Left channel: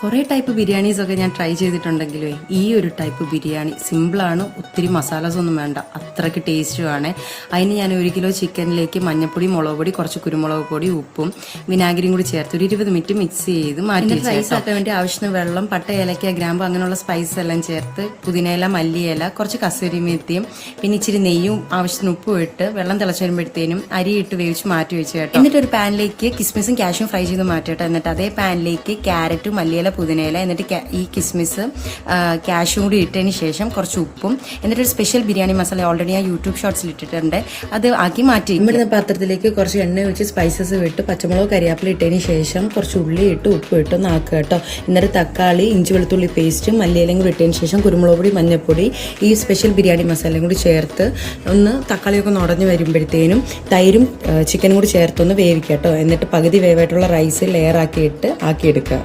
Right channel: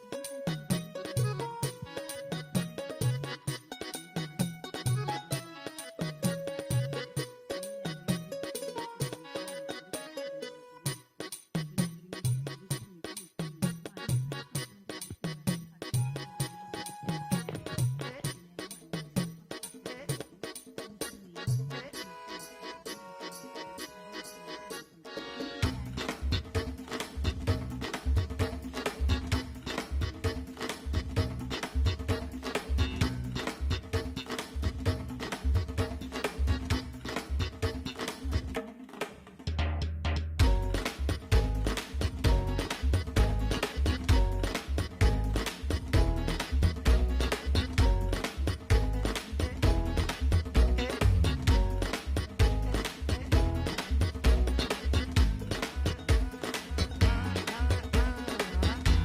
കുറേ ടൈപ്പ് ബിരിയാണീസൊക്കെ ഞാൻ ട്രൈ ചെയ്തിട്ടുണ്ടെങ്കിലേ ഈ ഒരു ടൈപ്പ് ബിരിയാണി സിമ്പിളാണ്, ഒത്തിരി മസാലാസ് ഒന്നും വേണ്ട, അത്രയ്ക്ക് ടേസ്റ്റുമാണ്. അതിന് ഞാൻ 1 കിലോ ചിക്കനിലേക്ക് മഞ്ഞപ്പൊടി, മുളക് പൊടി, കുറച്ച് കുരുമുളക് പൊടി, ഉപ്പും വിനാഗിരിയും കൂടി ചേർത്ത് ഒരു 20 മിനിറ്റ് മിക്സ് ചെയ്ത് മാറ്റി റൈസ് ആക്കാൻ വേണ്ടി ആവശ്യത്തിന് വെള്ളം, പട്ട, ഏലക്ക, ഗ്രാമ്പ് അങ്ങനെയുള്ള സ്പൈസ് എല്ലാം ചേർത്ത് പുതിനയില, മല്ലിയില, കുറച്ച് കസൂരി മേത്തിയും പിന്നെ ഇച്ചിരി നെയ്യും ആവശ്യത്തിന് ഉപ്പും ഇട്ട് വെള്ളം തിളച്ച് വരുമ്പോഴത്തേനും അരി ഇട്ട് വേവിച്ച് മാറ്റി വെച്ച് കേട്ടോ. എന്നിട്ട് ഒരു പാനിലേക്ക് കിസ്മിസും കാഷ്യും ഫ്രൈ ചെയ്ത് മാറ്റി കേട്ടോ. എന്നിട്ട് അതേ പാനിലേക്ക് ക്യാരറ്റും മല്ലിയില, പുതിനയില, എന്നിട്ട് ഈ കിസ്മിസ് കാഷ്യും കൂടി ഇട്ടതിന് ശേഷം കുറച്ച് ഉപ്പും എന്നിട്ടൊരു സ്പെഷ്യൽ ബിരിയാണി മസാല ഓൾറെഡി ഞാൻ യൂട്യൂബ് ഷോർട്സിൽ ഇട്ടിട്ടുണ്ട്, അത് ആക്കി മാറ്റി ഇവിടുന്ന് പാത്രത്തിലേക്ക് കുറച്ച് എണ്ണ ഒഴിച്ച് സ്പൈസസ് വിട്ട് പച്ചമുളക്, കരിയാപ്പില ഇട്ടതിന് ശേഷം കുറച്ച് ഉള്ളി ഇട്ട് ഉപ്പ് ഇട്ട് ഒന്ന് ആക്കുക കേട്ടോ. എന്നിട്ട് തക്കാളി, ഇഞ്ചി വെളുത്തുള്ളി പേസ്റ്റ്, മല്ലിയിലയും കൂടി ഇട്ടതിന് ശേഷം കുരുമുളക് പൊടി, മഞ്ഞൾപ്പൊടി, ഈ സ്പെഷ്യൽ ബിരിയാണി മസാലയും കൂടി ചേർത്ത് ഒന്ന് തക്കാളിയൊക്കെ ഒന്ന് ഉടഞ്ഞ് വരുമ്പോഴത്തേനും തൈരും ചിക്കനും കൂടി ചേർത്തൊന്ന് വേവിക്കുക കേട്ടോ. എന്നിട്ട് പകുതി വേവായിട്ടുള്ള റൈസ് ലെയർ ആക്കിയിട്ട് ആക്കിയെടുക്കുക.